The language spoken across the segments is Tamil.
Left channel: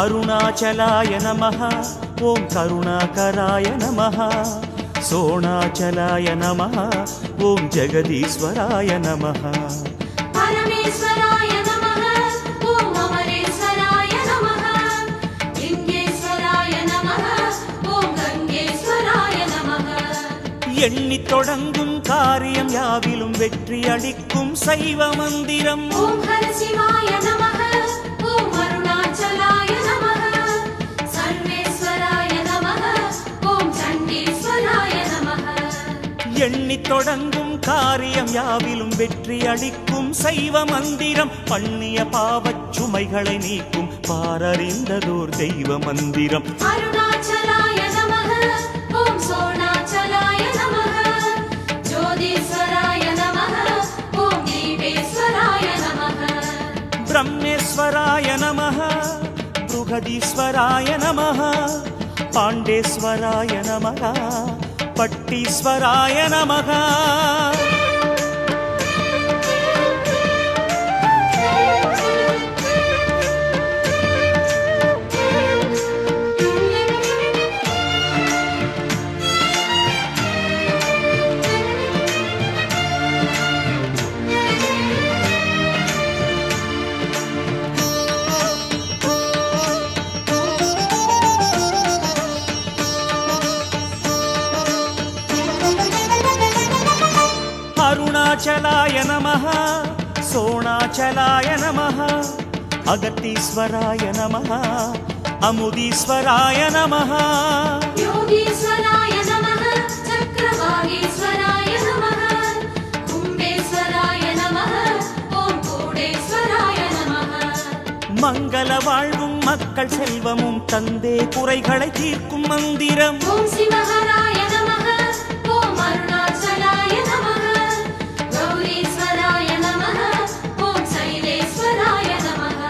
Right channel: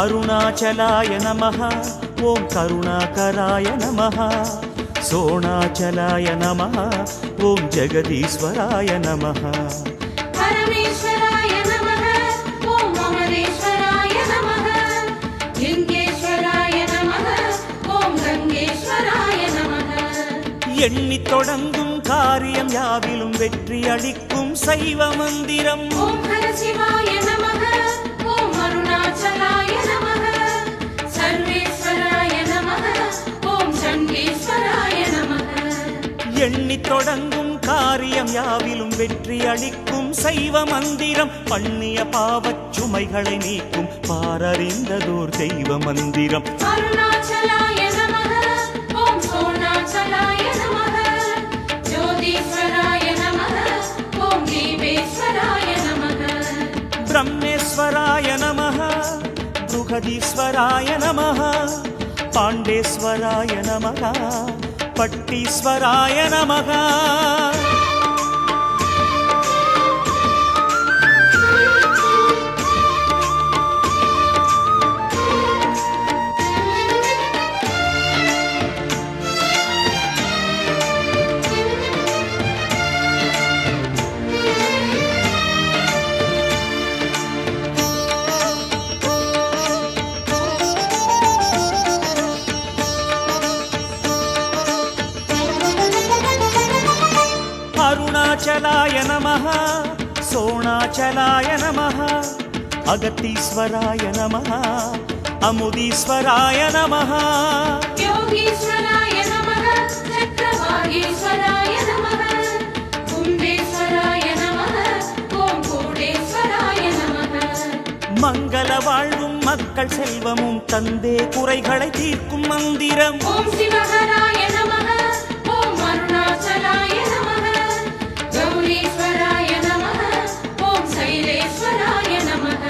अरुणाचलाय नमः ओं करुणाकराय नमः सोणाचलाय नमः ओं जगदीश्वराय नमः परमेश्वराय नमः ओं अमरेश्वराय नमः लिंगेश्वराय नमः ओं गंगेश्वराय नमः எண்ணி தொடங்கும் காரியம் யாவிலும் வெற்றி அளிக்கும் சைவ மந்திரம் ओं हर शिवाय नमः ओं अरुणाचलाय नमः सर्वेश्वराय नमः ओं चंडीश्वराय नमः எண்ணி தொடங்கும் காரியம் யாவிலும் வெற்றி அளிக்கும் சைவ மந்திரம் பண்ணிய பாவச் சுமைகளை நீக்கும் பாரறிந்ததோர் தெய்வ மந்திரம் अरुणाचलाय नमः ओं सोणाचलाय नमः ज्योतिश्वराय नमः ओं दीपेश्वराय नमः ब्रह्मेश्वराय नमः बृहदीश्वराय नमः पाण्डेश्वराय नमः पट्टीश्वराय नमः अरुणाचलाय नमः सोणाचलाय नमः अगतीश्वराय नमः अमुदीश्वराय नमः योगीश्वराय नमः चक्रवागीश्वराय नमः कुंडेश्वराय नमः ओं कूडेश्वराय नमः मंगल वाழ்வும் மக்கள் செல்வமும் தந்தே குறைகளை தீர்க்கும் மந்திரம் ओं शिवहराय नमः ओं अरुणाचलाय नमः गौरीश्वराय नमः ओं शैलेश्वराय नमः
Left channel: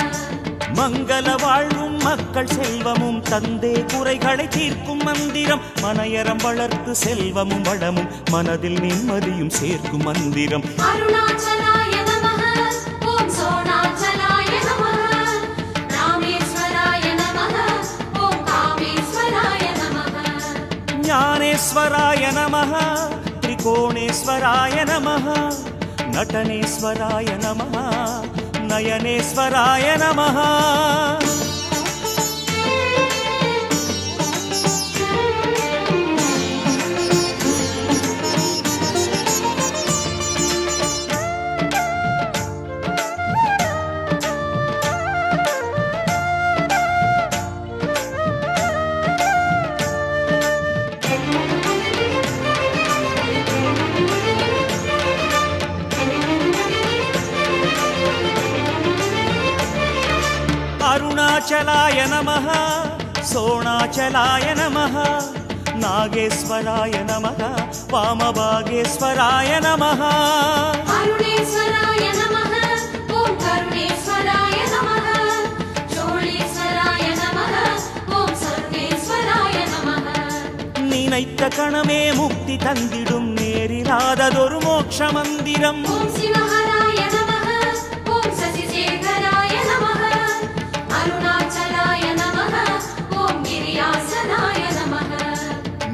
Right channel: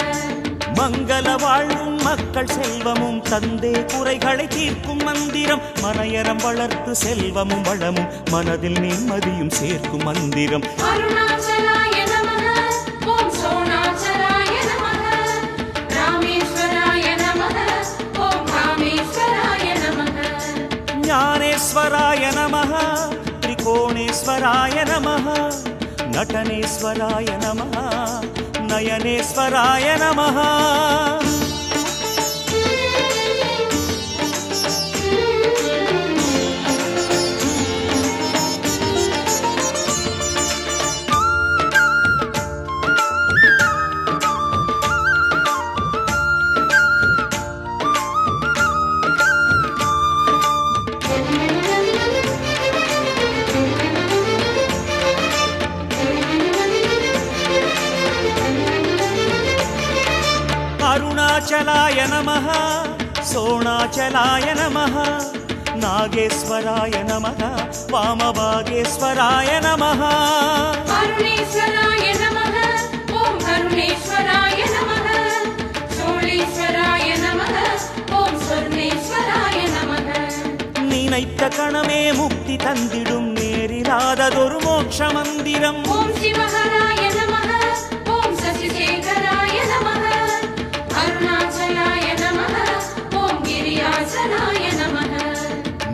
மங்கள வாழ்வும் மக்கள் செல்வமும் தந்தே குறைகளை தீர்க்கும் மந்திரம் மனையறம் வளர்த்து செல்வமும் வளமும் மனதில் நிம்மதியும் சேர்க்கும் மந்திரம் अरुणाचलाय नमः ओं सोणाचलाय नमः रामेश्वराय नमः ओं कामेश्वराय नमः ஞானேஸ்வராய நமः त्रिकोणेश्वराय नमः नटनेश्वराय नमः नयनेश्वराय नमः अरुणाचलाय नमः सोणाचलाय नमः नागेश्वराय नमः वामभागेश्वराय नमः अरुणेश्वराय नमः ओं करुणेश्वराय नमः शूलेश्वराय नमः ओं स्वर्णेश्वराय नमः நினைத்த கணமே முக்தி தந்திடும் நேரிலாததொரு மோட்ச மந்திரம் ओं शिवहराय नमः ओं शशिशेखराय नमः अरुणाचलाय नमः ओं गिरियाचलाय नमः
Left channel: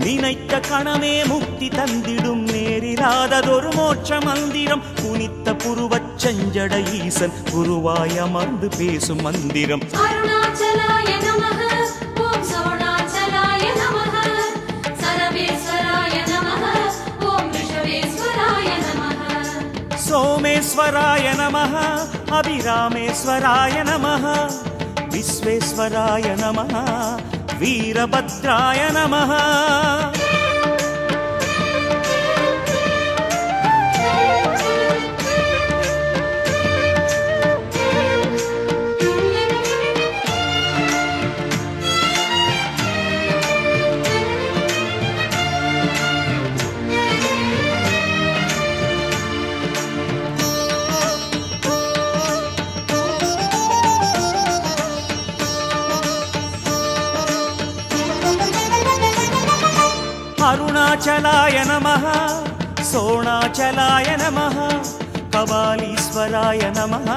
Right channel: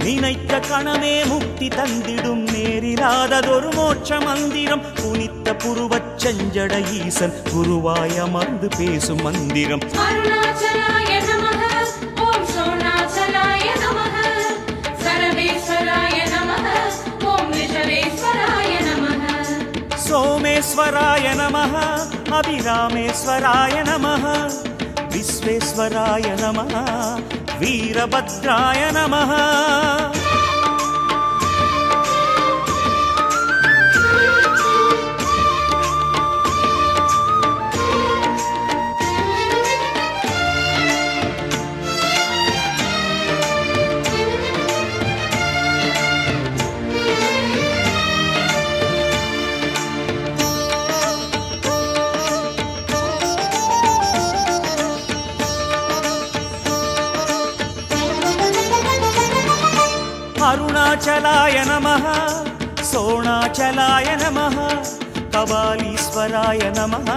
நினைத்த கணமே முக்தி தந்திடும் நேரிலாததொரு மோட்ச மந்திரம் குனித்த புருவச் செஞ்சட ஈசன் குருவாய் அமர்ந்து பேசும் மந்திரம் अरुणाचलाय नमः ओं सोणाचलाय नमः सर्वेश्वराय नमः ओं विठलेश्वराय नमः सोमेश्वराय नमः अभिरामेश्वराय नमः विश्वेश्वराय नमः वीरभद्राय नमः अरुणाचलाय नमः सोणाचलाय नमः कबालीश्वराय नमः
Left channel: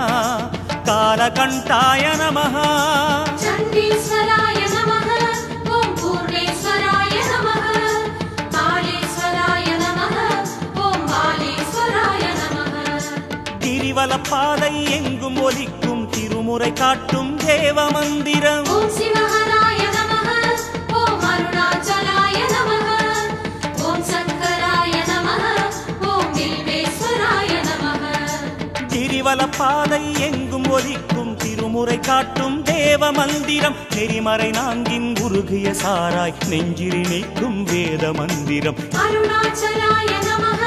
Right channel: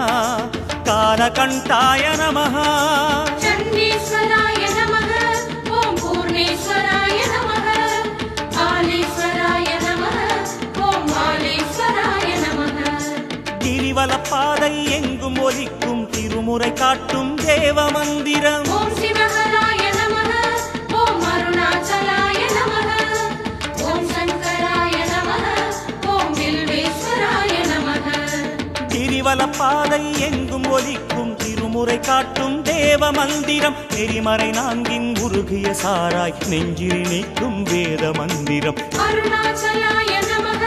कालकण्ठाय नमः चण्डीश्वराय கிரிவலப்பாதை எங்கும் ஒலிக்கும் திருமுறை காட்டும் தேவ மந்திரம். ஓம் சிவஹராய நமஹ ஓம் அருணாச்சலாய நமஹ ஓம் சங்கராய நமஹ ஓம் வில்வேஸ்வராய நமஹ. கிரிவலப்பாதை எங்கும் ஒலிக்கும் திருமுறை காட்டும் தேவ மந்திரம். நெறிமறை நான்கின் உருகிய சாராய் நெஞ்சில் நீக்கும் வேத மந்திரம். அருணாச்சலாய நமஹ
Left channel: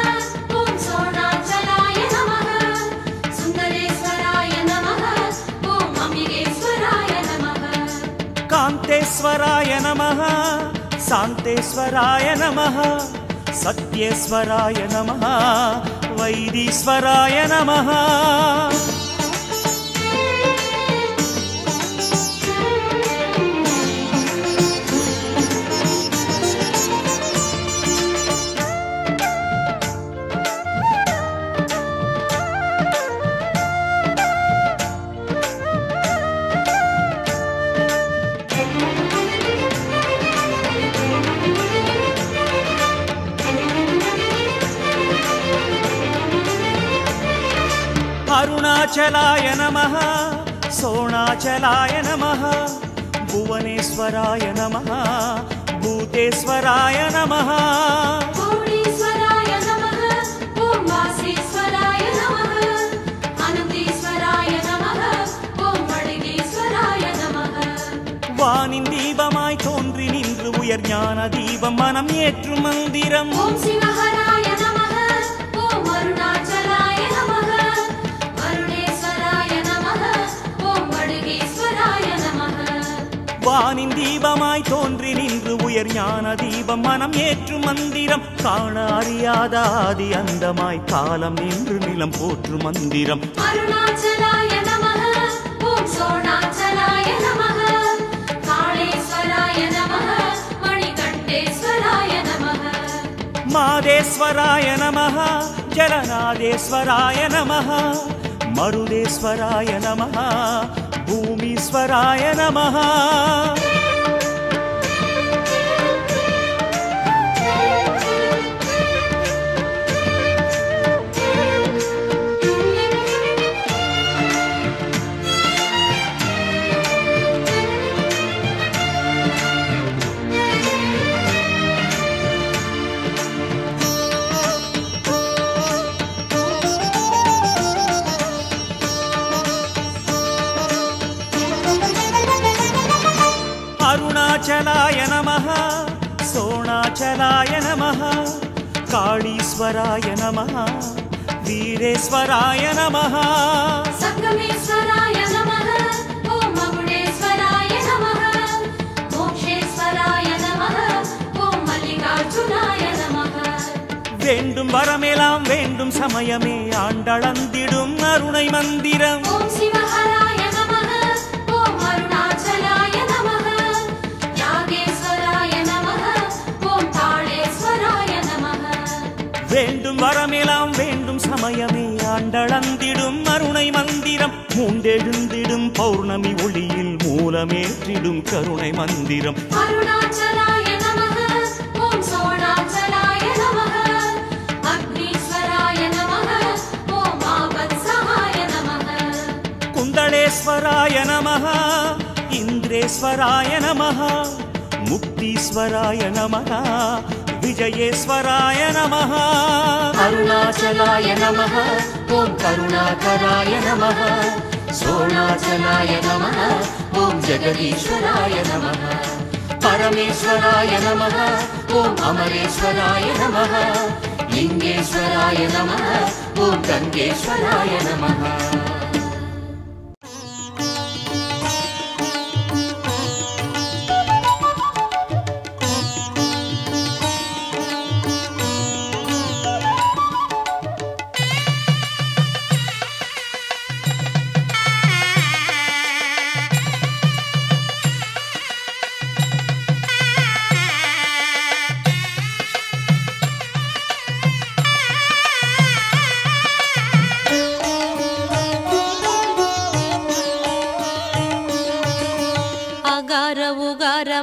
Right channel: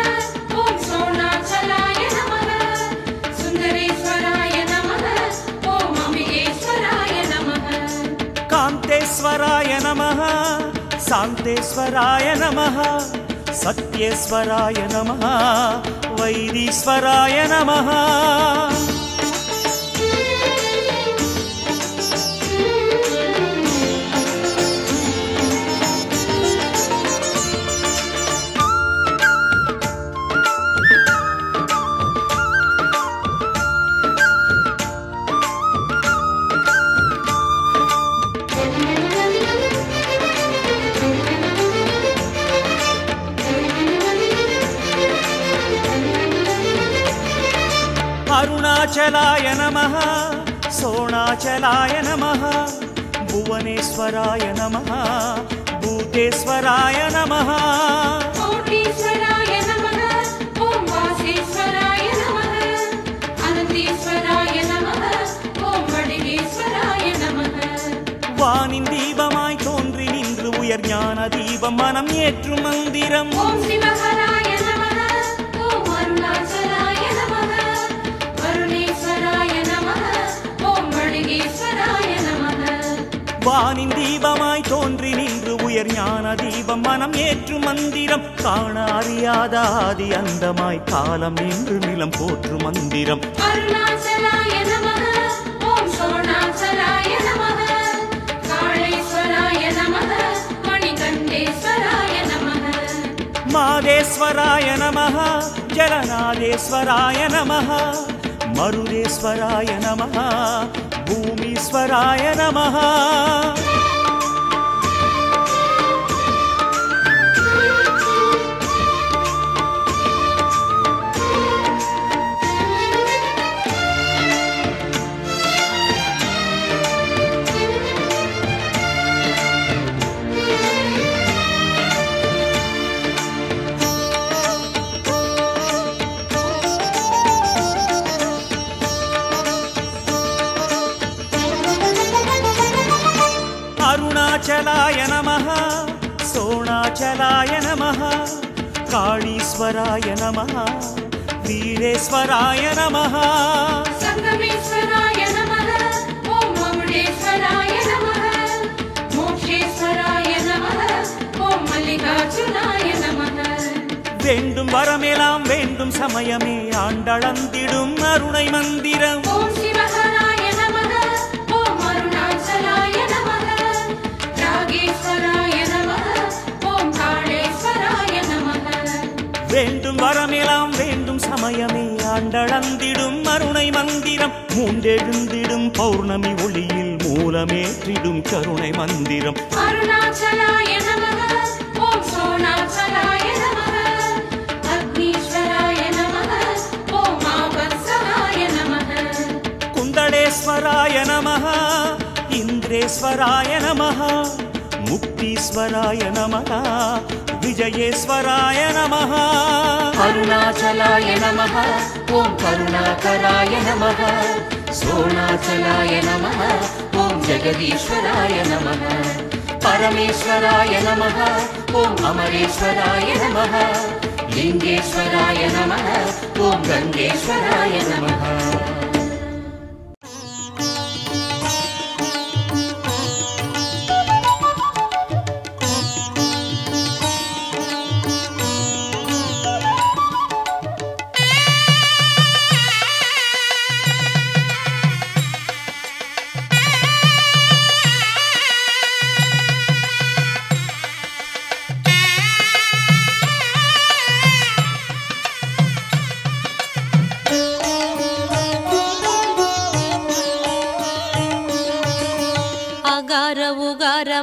ஓம் சோணாச்சலாய நமஹ சுந்தரேஸ்வராய நமஹ ஓம் அம்பிகேஸ்வராய நமஹ. காந்தேஸ்வராய நமஹ சாந்தேஸ்வராய நமஹ சத்யேஸ்வராய நமஹ வைதீஸ்வராய நமஹ. அருணாச்சலாய நமஹ சோணாச்சலாய நமஹ புவனேஸ்வராய நமஹ பூதேஸ்வராய நமஹ. பூர்ணேஸ்வராய நமஹ ஓம் வாசேஸ்வராய நமஹ அனந்தேஸ்வராய நமஹ ஓம் வடிகேஸ்வராய நமஹ. வானின் தீபமாய் தோன்றி நின்று உயர் ஞான தீபம் மனம் ஏற்றும் மந்திரம். ஓம் சிவஹராய நமஹ ஓம் அருணாச்சலாய நமஹ அருணேஸ்வராய நமஹ ஓம் வடிகேஸ்வராய நமஹ. வானின் தீபமாய் தோன்றி நின்று உயர் ஞான தீபம் மனம் ஏற்றும் மந்திரம். காண அறியாத ஆதி அந்தமாய் காலம் நின்று நிலம் போற்றும் மந்திரம். அருணாச்சலாய நமஹ ஓம் சோணாச்சலாய நமஹ காளேஸ்வராய நமஹ மணிகண்டேஸ்வராய நமஹ. மாதேஸ்வராய நமஹ ஜலநாதேஸ்வராய நமஹ மருதேஸ்வராய நமஹ பூமீஸ்வராய நமஹ. அருணாச்சலாய நமஹ சோணாச்சலாய நமஹ காளீஸ்வராய நமஹ வீரேஸ்வராய நமஹ. சங்கமேஸ்வராய நமஹ ஓம் மகுடேஸ்வராய நமஹ மோக்ஷேஸ்வராய நமஹ ஓம் மல்லிகார்ஜுனாய நமஹ. வேண்டும் வரமெல்லாம் வேண்டும் சமயமே ஆண்டளந்திடும் அருணை மந்திரம். ஓம் சிவஹராய நமஹ ஓம் அருணாச்சலாய நமஹ ராகேஸ்வராய நமஹ ஓம் காளேஸ்வராய நமஹ. வேண்டும் வரமெல்லாம் வேண்டும் சமயமே ஆண்டளந்திடும் அருணை மந்திரம். மூண்டெழுந்திடும் பௌர்ணமி ஒளியில் மூலமேற்றிடும் கருணை மந்திரம். அருணாச்சலாய நமஹ ஓம் சோணாச்சலாய நமஹ அக்னீஸ்வராய நமஹ ஓம் ஆபத்சகாய நமஹ. குந்தளேஸ்வராய நமஹ இந்திரேஸ்வராய நமஹ முக்தீஸ்வராய நமஹ விஜயேஸ்வராய நமஹ. அருணாச்சலாய நமஹ ஓம் கருணாகராய நமஹ சோணாச்சலாய நமஹ ஓம் ஜெகதீஸ்வராய நமஹ. பரமேஸ்வராய நமஹ ஓம் அமரேஸ்வராய நமஹ லிங்கேஸ்வராய நமஹ ஓம் கங்கேஸ்வராய நமஹ.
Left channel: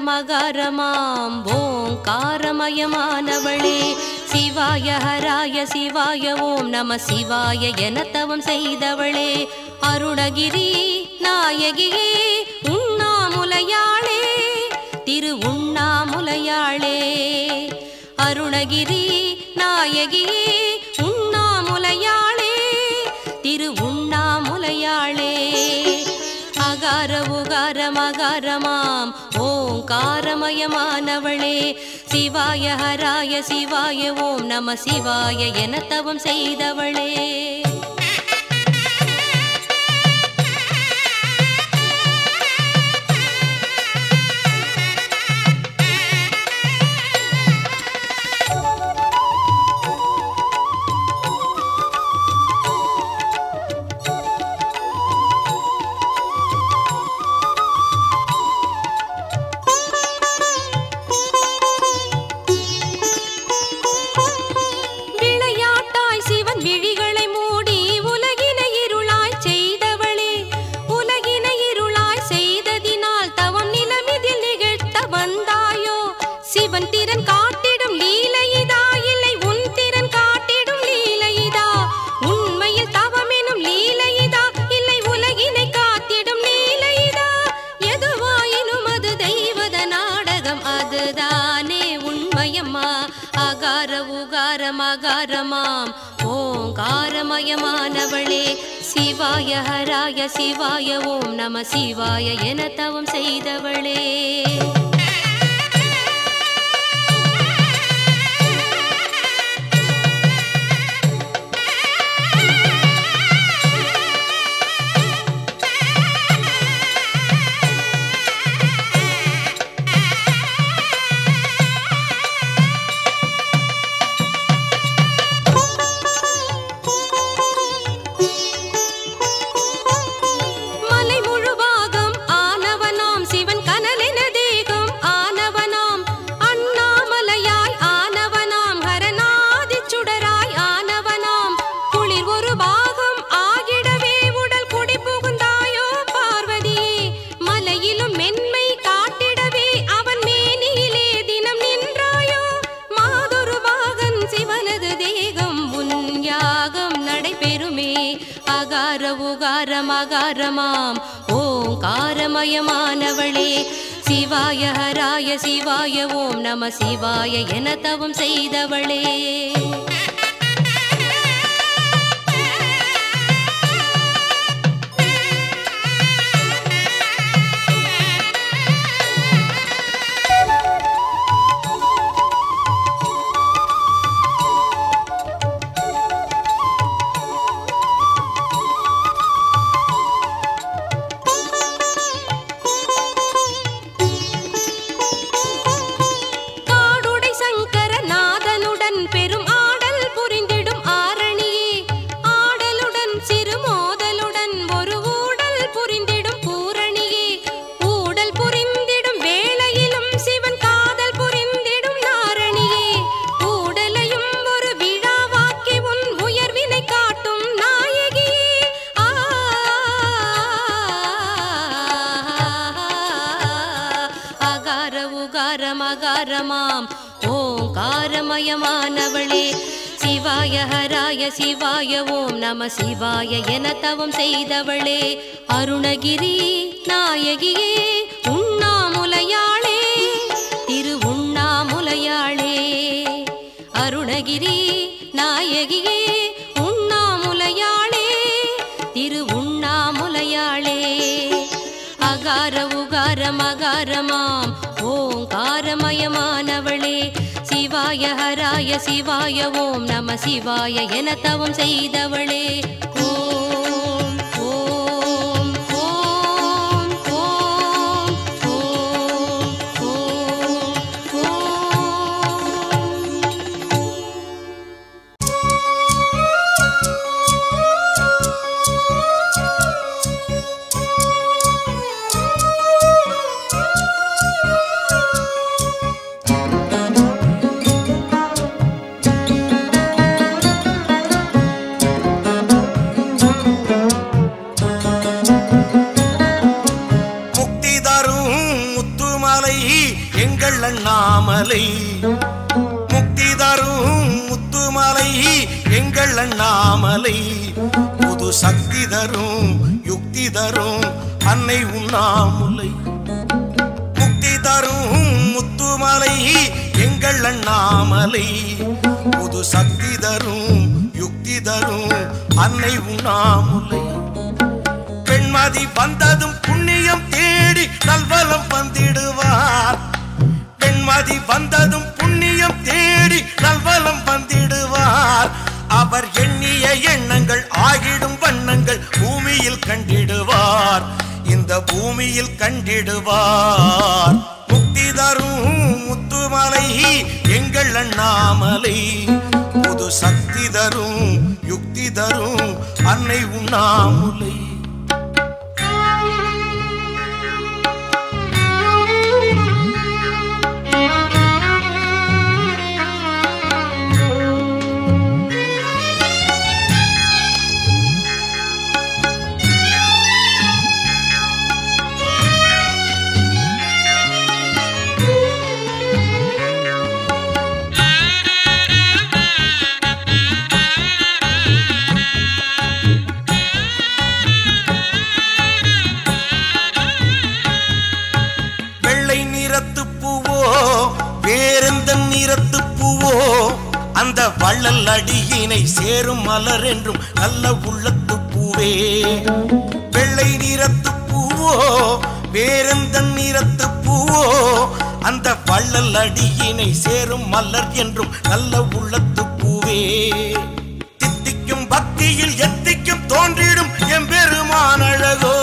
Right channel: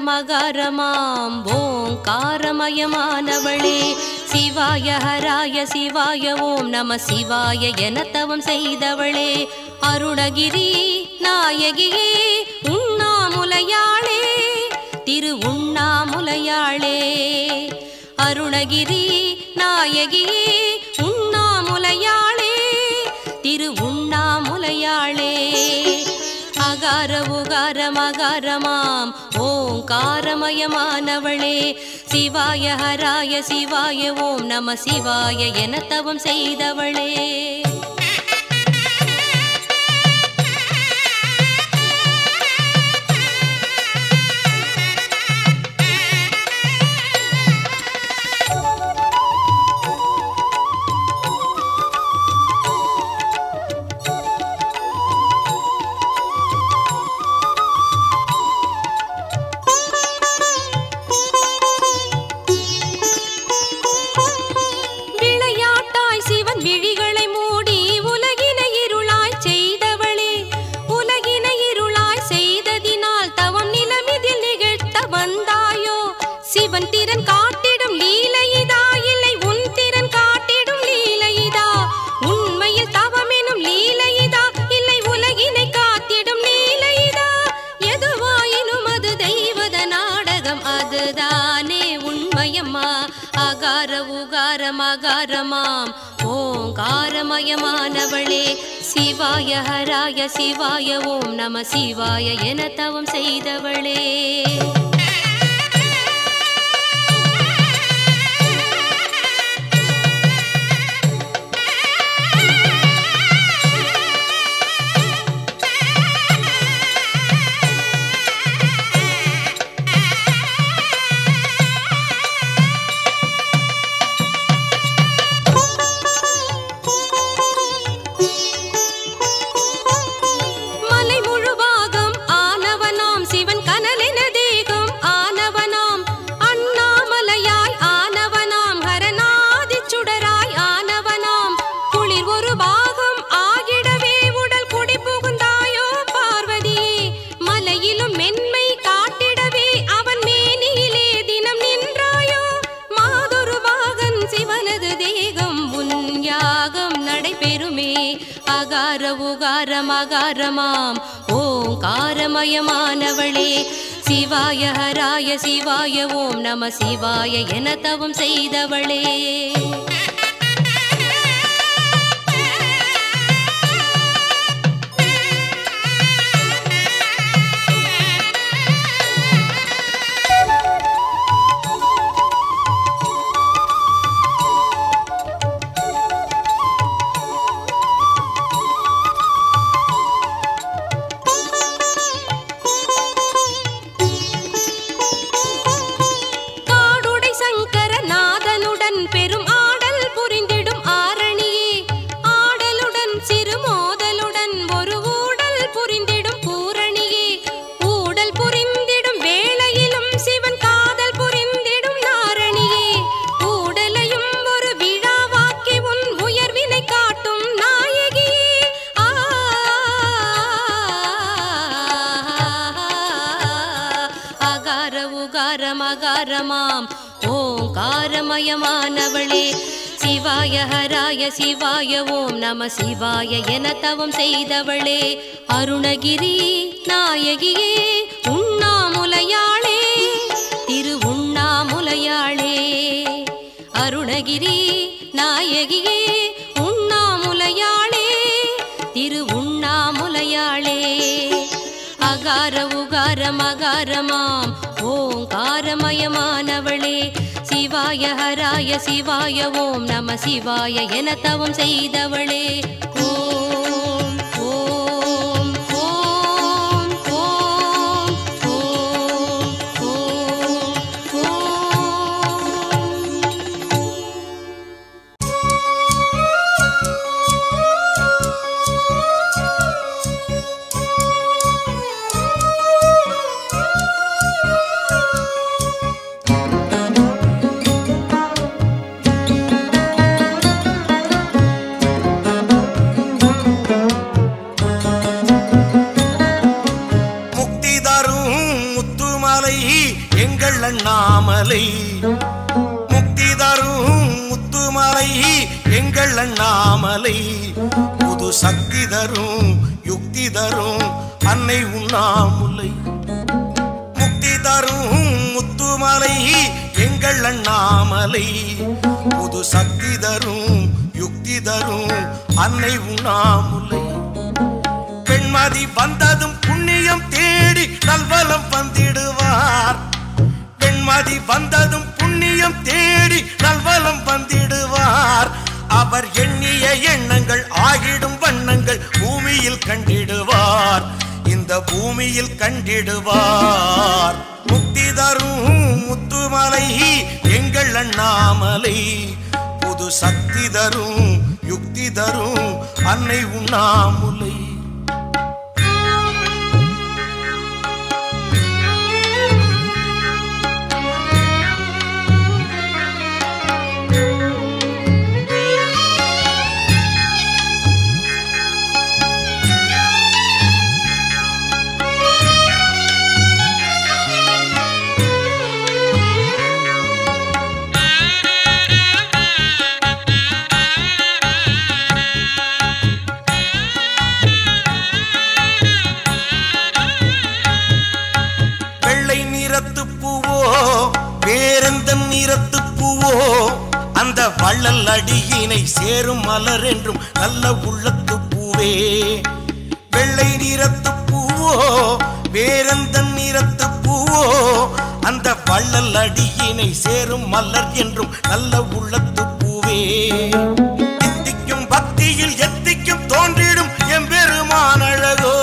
மகாரமாம் ஓங்காரமயமானவளே சிவாய ஹராய சிவாய ஓம் நம சிவாய என தவம் செய்தவளே அருணகிரி நாயகியே உண்ணாமுலையாளே திரு உண்ணாமுலையாளே அருணகிரி நாயகியே உண்ணாமுலையாளே திரு உண்ணாமுலையாளே அகார உகார மகாரமாம் ஓங்காரமயமானவளே சிவாய ஹராய சிவாய ஓம் நம சிவாய என தவம் செய்தவளே மகாரமாம் ஓங்காரமயமானவளே சிவாய ஹராய சிவாய ஓம் நம சிவாய என தவம் செய்தவளே மகாரமாம் ஓங்காரமயமானவளே சிவாய ஹராய சிவாய ஓம் நம சிவாய என தவம் செய்தவளே மகாரமாம் ஓங்காரமயமானவளே சிவாய ஹராய சிவாய ஓம் நம சிவாய என தவம் செய்தவளே அருணகிரி நாயகியே உண்ணாமுலையாளே திரு உண்ணாமுலையாளே அருணகிரி நாயகியே உண்ணாமுலையாளே திரு உண்ணாமுலையாளே அகார உகார மகாரமாம் ஓங்காரமயமானவளே சிவாய ஹராய சிவாய ஓம் நம சிவாய என தவம் செய்தவளே ஓம் ஓம் ஓம் ஓம் ஓம் ஓம் எங்கள் அண்ணாமலை புது சக்தி தரும் யுக்தி தரும் அன்னை உண்ணாமுலை முக்தி தரும் முத்துமலை எங்கள் அண்ணாமலை புது சக்தி தரும் யுக்தி தரும் அன்னை உண்ணாமுலை பெண்மதி வந்ததும் புண்ணியம் தேடி நல்வலம் வந்திடுவார் பெண்மதி வந்ததும் புண்ணியம் தேடி நல்வலம் வந்திடுவார் அவர் எண்ணிய எண்ணங்கள் ஆகிடும் வண்ணங்கள் பூமியில் கண்டிடுவார் இந்த பூமியில் கண்டிடுவார் முக்தி தரும் முத்துமலை எங்கள் அண்ணாமலை புது சக்தி தரும் யுக்தி தரும் அன்னை உண்ணாமுலை வேறெந்த நிறத்து பூவோ அந்த வள்ளல் அடியினை சேரும் மலர் என்றும் நல்ல உள்ளத்து பூவே வெள்ளை நிறத்து பூவோ வேறெந்த நிறத்து பூவோ அந்த வள்ளல் அடியினை சேரும் மலர் என்றும் நல்ல உள்ளத்து பூவே தித்திக்கும் பக்தியில் எத்திக்கும் தோன்றிடும் எம்பெருமான் அழகோ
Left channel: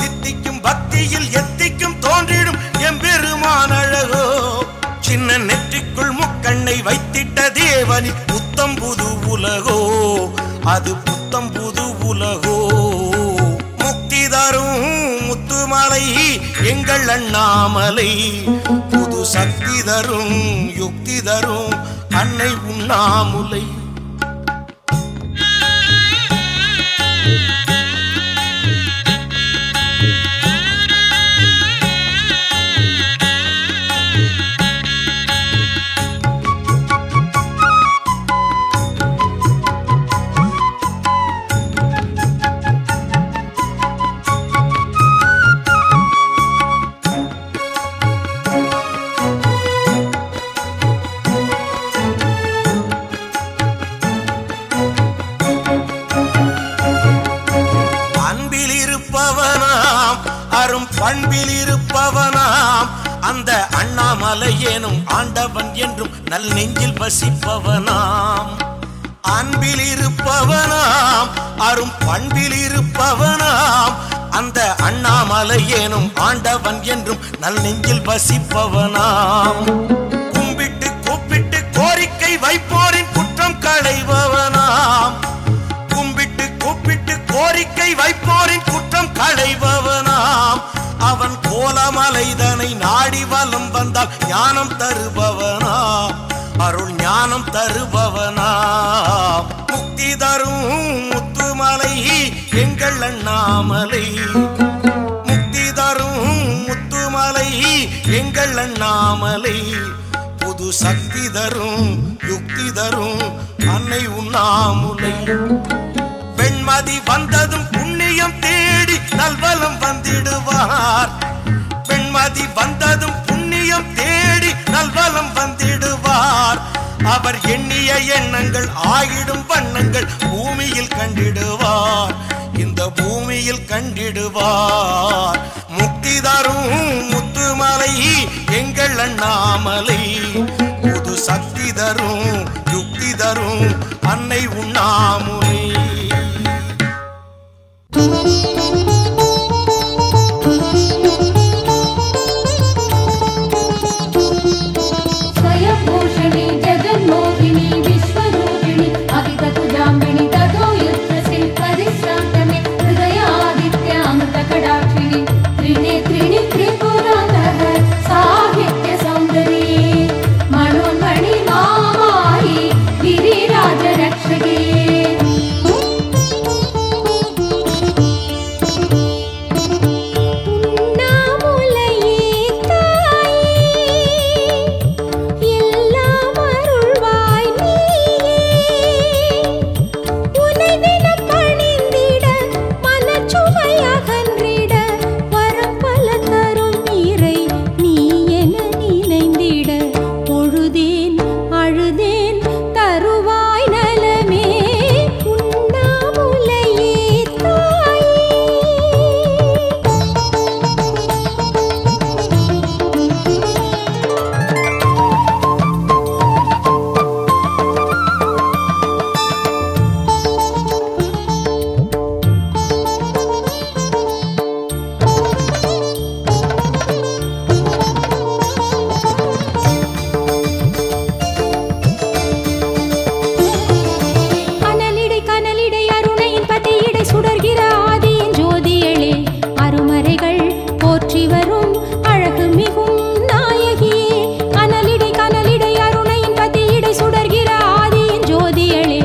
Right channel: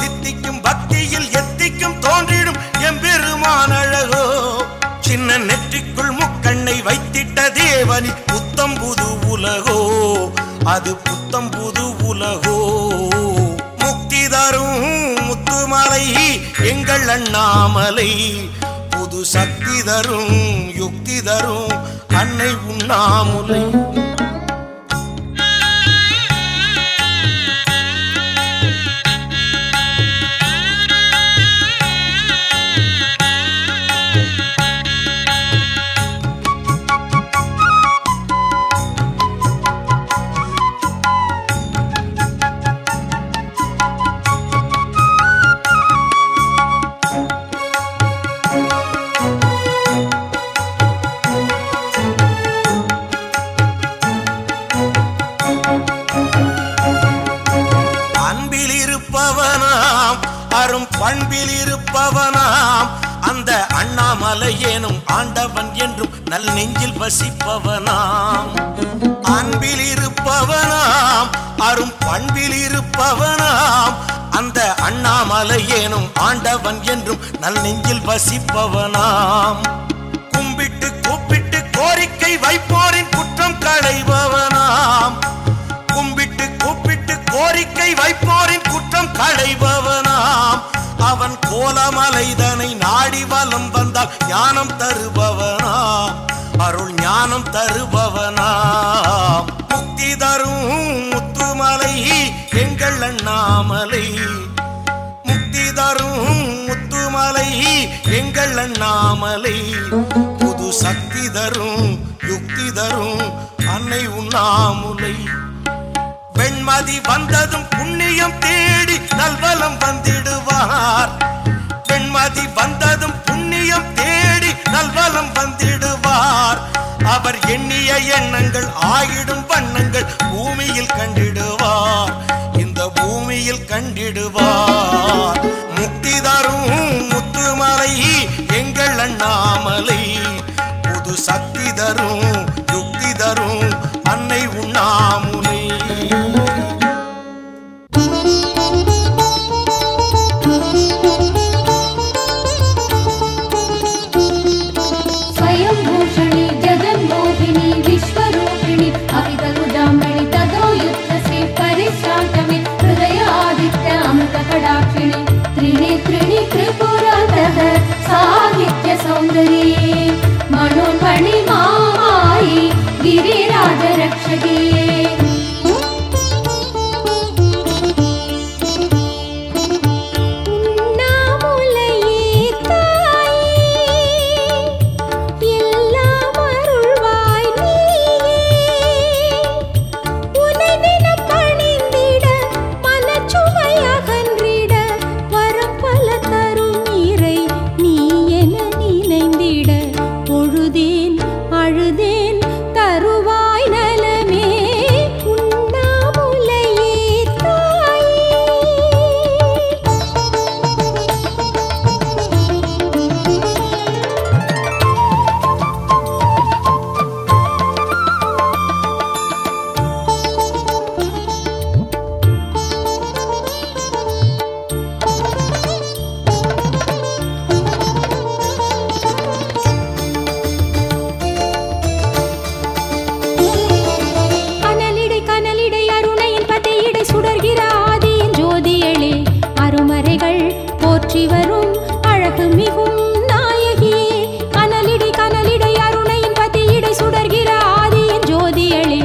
தித்திக்கும் பக்தியில் எத்திக்கும் தோன்றிடும் எம்பெருமான் அழகோ சின்ன நெற்றிக்குள் முக்கண்ணை வைத்திட்ட தேவனி புத்தம் புது உலகோ அது புத்தம் புது உலகோ முக்தி தரும் முத்துமலை எங்கள் அண்ணாமலை புது சக்தி தரும் யுக்தி தரும் அன்னை உண்ணாமுலை அரும் பண்பில் இருப்பவனாம் அந்த அண்ணாமலை எனும் ஆண்டவன் என்றும் நல் நெஞ்சில் வசிப்பவனாம் அன்பில் இருப்பவனாம் அரும் பண்பில் இருப்பவனாம் அந்த அண்ணாமலை எனும் ஆண்டவன் என்றும் நல் நெஞ்சில் வசிப்பவனாம் கும்பிட்டு கூப்பிட்டு கோரிக்கை வைப்போரின் குற்றம் களைபவனாம் கும்பிட்டு கூப்பிட்டு கோரிக்கை வைப்போரின் குற்றம் களைபவனாம் அவன் கோலமலைதனை நாடி வலம் வந்தால் ஞானம் தருபவனாம் அருள் ஞானம் தருபவனாம் முக்தி தரும் முத்துமலை எங்கள் அண்ணாமலை முக்தி தரும் முத்துமலை எங்கள் அண்ணாமலை புது சக்தி தரும் யுக்தி தரும் அன்னை உண்ணாமுலை பெண்மதி வந்ததும் புண்ணியம் தேடி நல்வலம் வந்திடுவார் பெண்மதி வந்ததும் புண்ணியம் தேடி நல்வலம் வந்திடுவார் அவர் எண்ணிய எண்ணங்கள் ஆகிடும் வண்ணங்கள் பூமியில் கண்டிடுவார் இந்த பூமியில் கண்டிடுவார் முக்தி தரும் முத்துமலை எங்கள் அண்ணாமலை புது சக்தி தரும் யுக்தி தரும் அன்னை உண்ணாமுலை போற்றி வரும் அழகு மிகும் நாயகியே கனலிடை அருணையின் பதியிடை சுடர்கிற ஆதியின் ஜோதியளே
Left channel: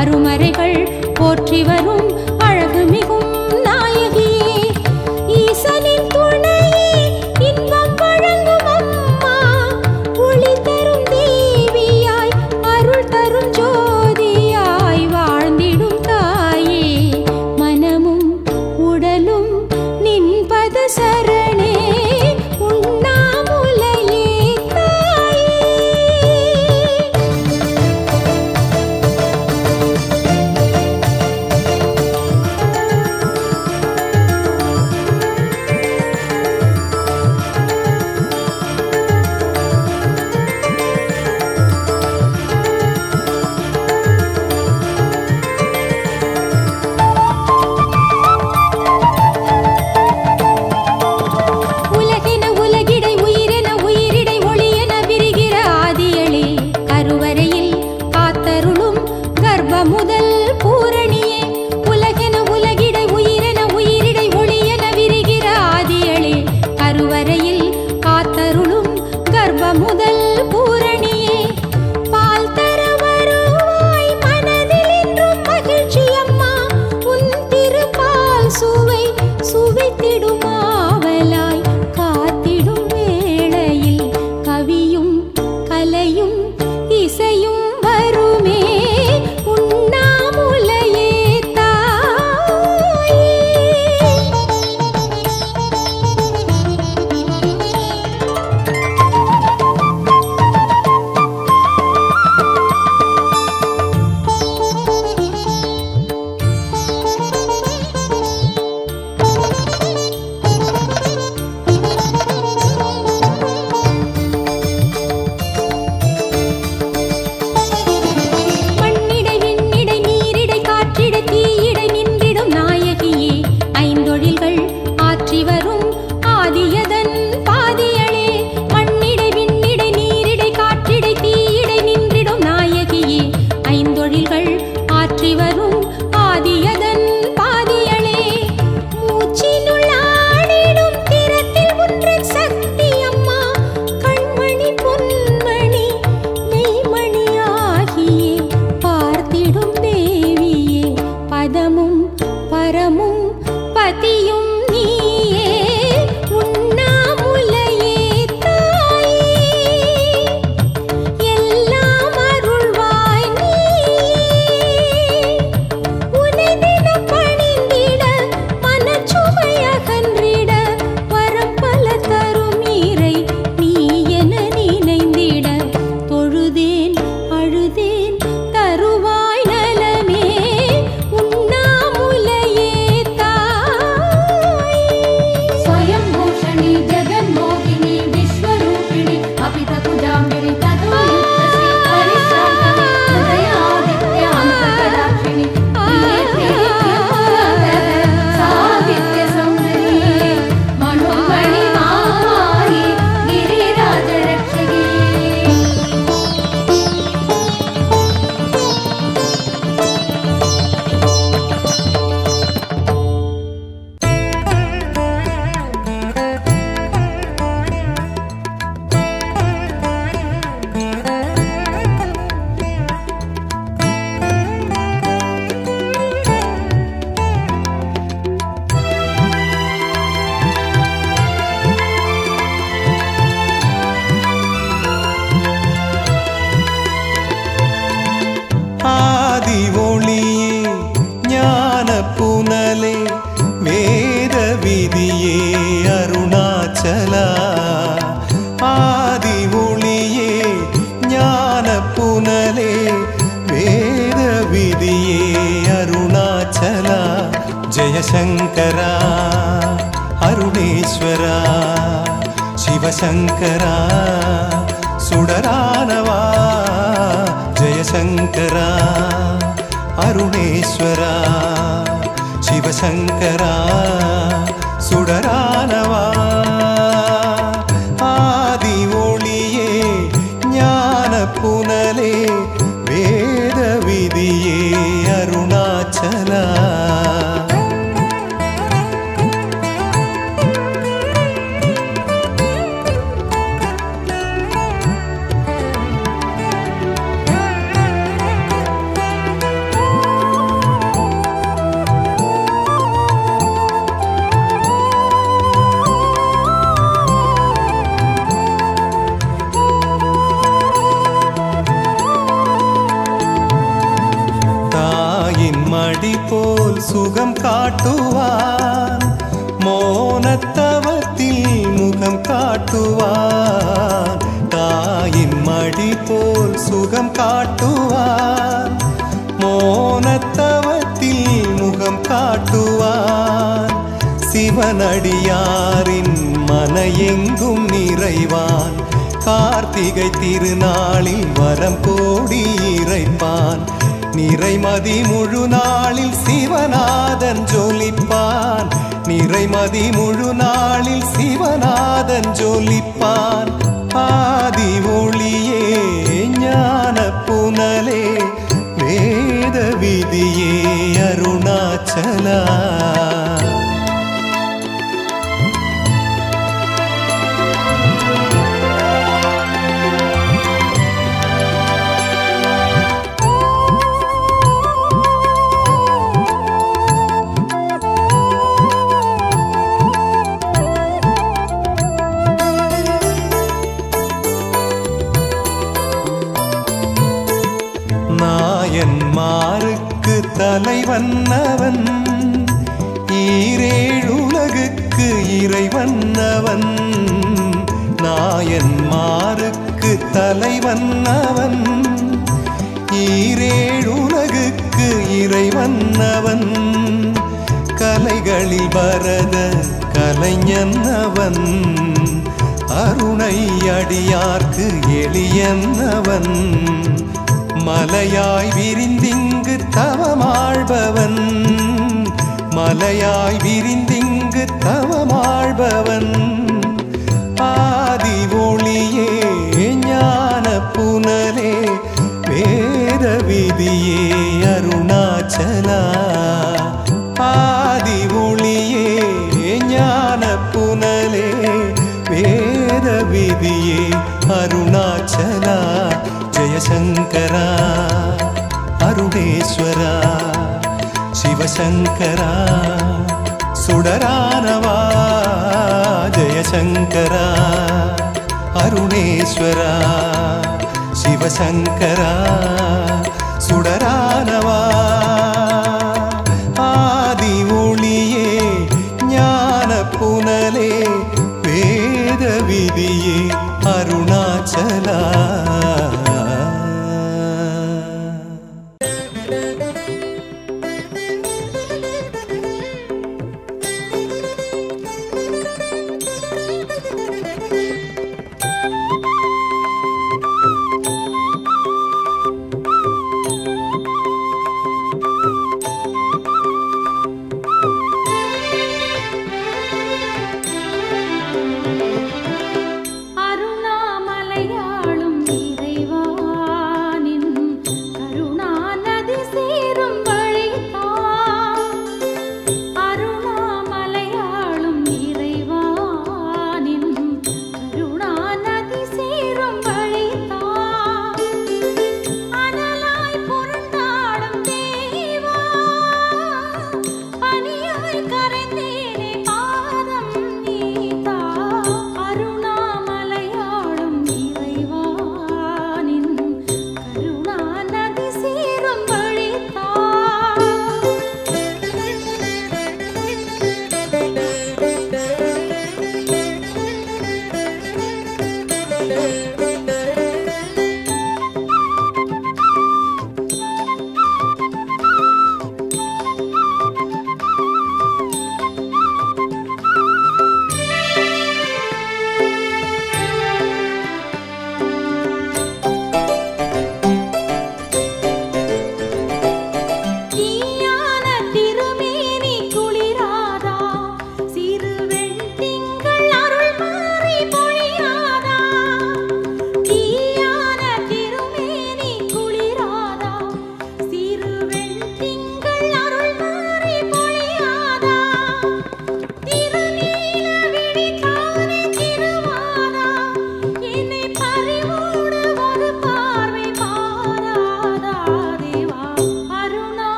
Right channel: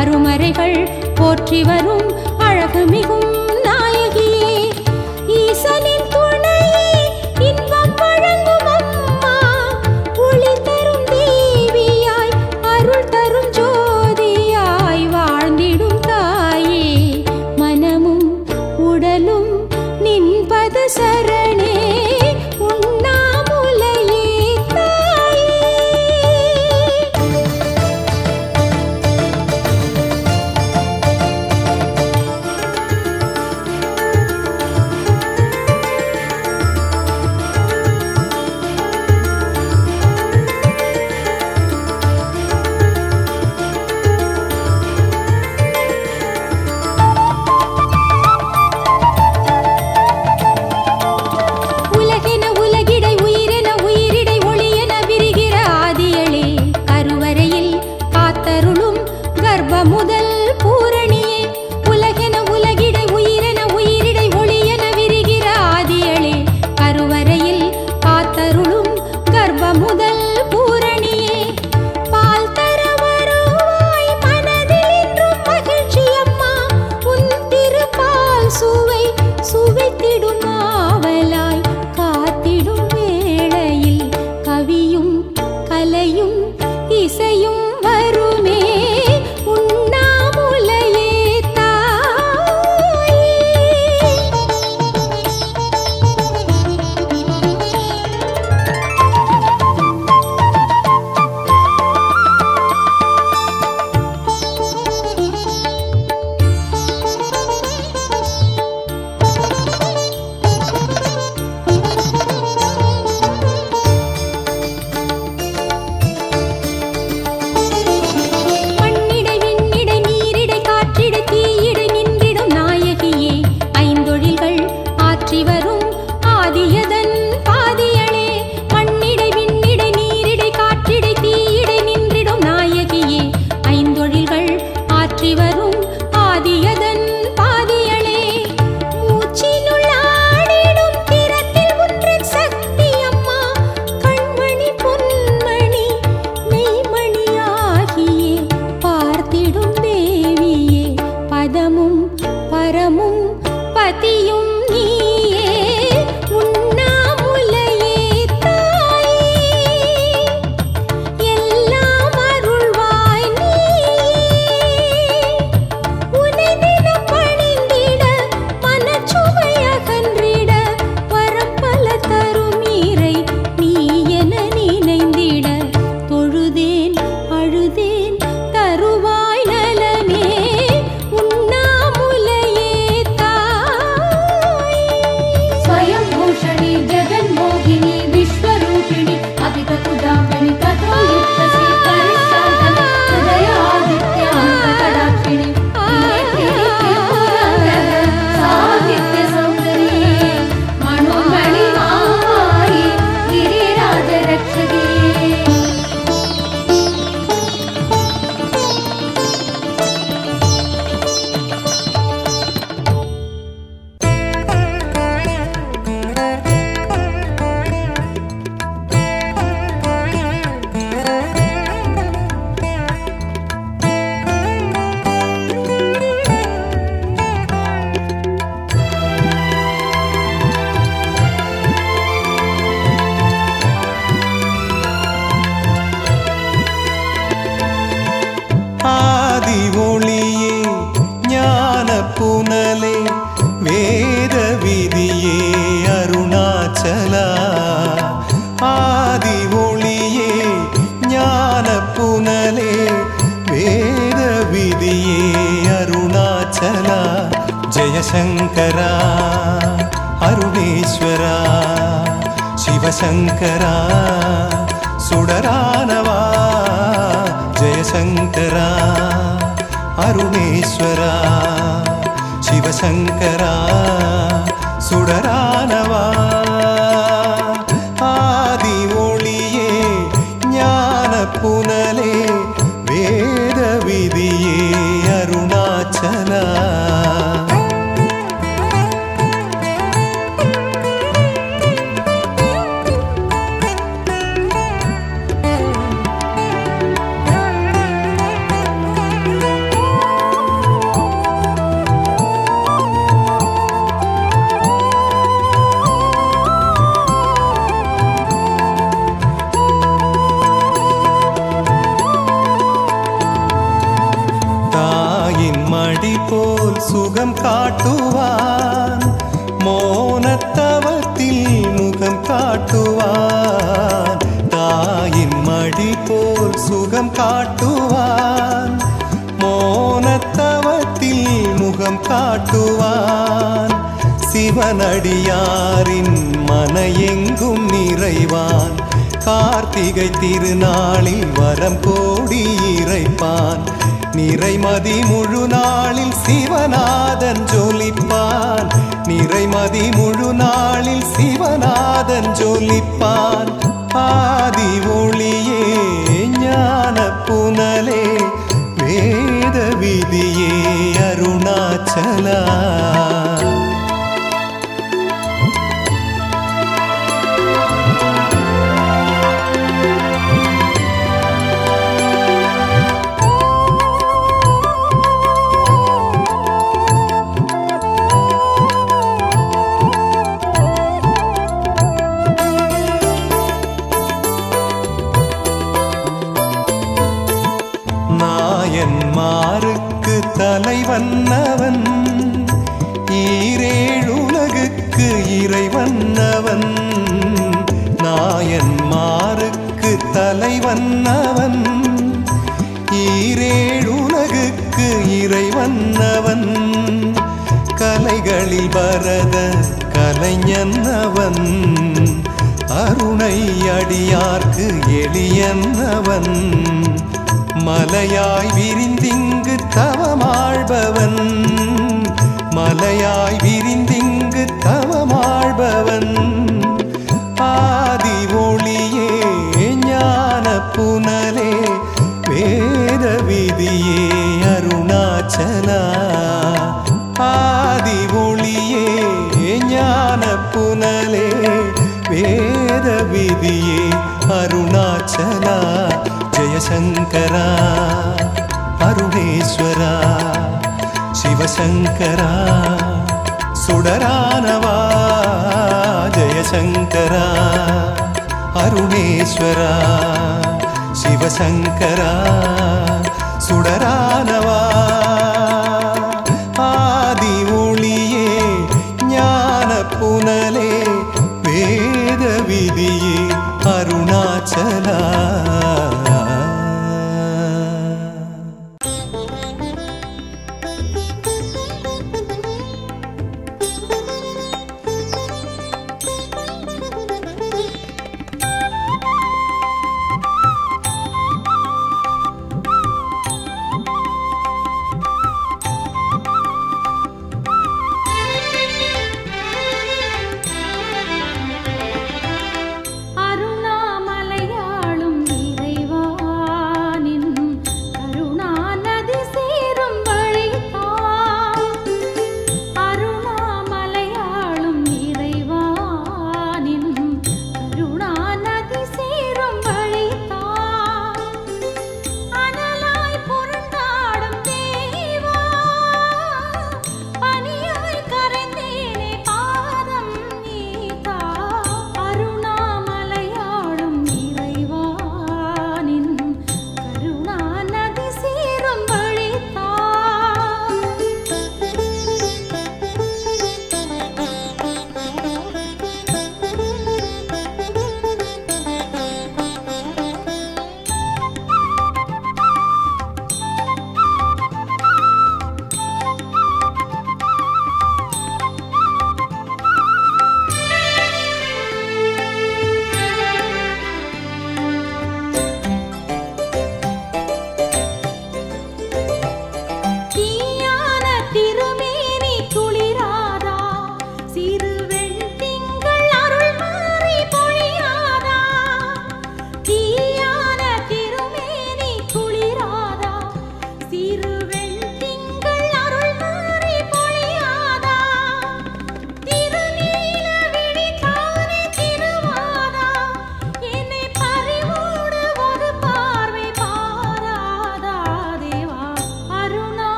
அருமறைகள் போற்றி வரும் அழகு மிகும் நாயகியே ஈசனின் துணையே இன்பம் வழங்கும் அம்மா ஒளி தரும் தேவியாய் அருள் தரும் ஜோதியாய் வாழ்ந்திடும் தாயே மனமும் உடலும் நின்பத சரணே உண்ணாமுலையே தாயே முதல் பூரணியே உலகென உலகிடை உயிரென உயிரிடை ஒளியென விரிகிற ஆதியளே கருவறையில் காத்தருளும் கர்ப்ப முதல் பூரணியே பால் தர வருவாய் மனதில் என்றும் மகிழ்ச்சி அம்மா உன் திருப்பால் சுவைத்திடும் ஆவலாய் காத்திடும் வேளையில் கவியும் கலையும் இசையும் வருமே உண்ணாமுலையே தாயே ஆற்றி வரும் ஆதியதன் பாதியளே மண்ணிடை விண்ணிடை நீரிடை காற்றிடை தீயிடை நின்றிடும் நாயகியே ஐந்தொழில்கள் ஆற்றி வரும் ஆதியதன் பாதியளே மூச்சினுள் ஆடிடும் திறத்தில் ஒன்றன் சக்தி அம்மா கண்மணி பொன்மணி மெய்மணியாகியே பார்த்திடும் தேவியே பதமும் பரமும் பதியும் நீயே உண்ணாமுலையே தாயே எல்லாம் அருள்வாய் நீயே உனை தினம் பணிந்திட மனச்சுமை அகன்றிட வரம் பல தரும் ஈரை நீ என நினைந்திட தொழுதேன் அழுதேன் தருவாய் நலமே உண்ணாமுலையே ஆதி ஒளியே ஞான புனலே வேத விதியே அருணாச்சலா ஆதி ஒளியே ஞான புனலே வேத விதியே அருணாச்சலா ஜெயசங்கரா அருணேஸ்வரா சிவசங்கரா சுடரானவா ஜெயசங்கரா அருணேஸ்வரா சிவசங்கரா சுடரானவா ஆதி ஒளியே ஞான புனலே வேத விதியே அருணாச்சலா மடி போல் சுகம் காட்டுவான் மோனத்தவத்தில் முகம் காட்டுவான் தாயின் மடி போல் சுகம் காட்டுவான் மோனத்தவத்தில் முகம் காட்டுவான் சிவனடியாரின் மன எங்கும் நிறைவான் கார்த்திகை திருநாளில் வரம் கோடி இறைப்பான் நிறைமதி முழு நாளில் சிவநாதன் ஜொலிப்பான் நிறைமதி முழு நாளில் சிவநாதன் ஜொலிப்பான் ஆதி ஒளியே ஞான புனலே வேத விதியே அருணாச்சலா நாயன்மாருக்கு தலைவன்னவன் ஈரேழுலகுக்கு இறைவன்னவன் நாயன்மாருக்கு தலைவன்னவன் ஈரேழுலகுக்கு இறைவன்னவன் கலைகளில் பரத கலைஞன்னவன் அருணை அடியார்க்கு எளியன்னவன் மலையாய் விரிந்திங்கு தவமாழ்பவன் மலையாய் விரிந்திங்கு தவமாழ்பவன் ஆதி ஒளியே ஞான புனலே வேத விதியே அருணாச்சலா ஆதி ஒளியே ஞான புனலே வேத விதியே அருணாச்சலா ஜெயசங்கரா அருணேஸ்வரா சிவசங்கரா சுடரானவா ஜெயசங்கரா அருணேஸ்வரா சிவசங்கரா சுடரானவா ஆதி ஒளியே ஞான புனலே வேத விதியே அருணாச்சலா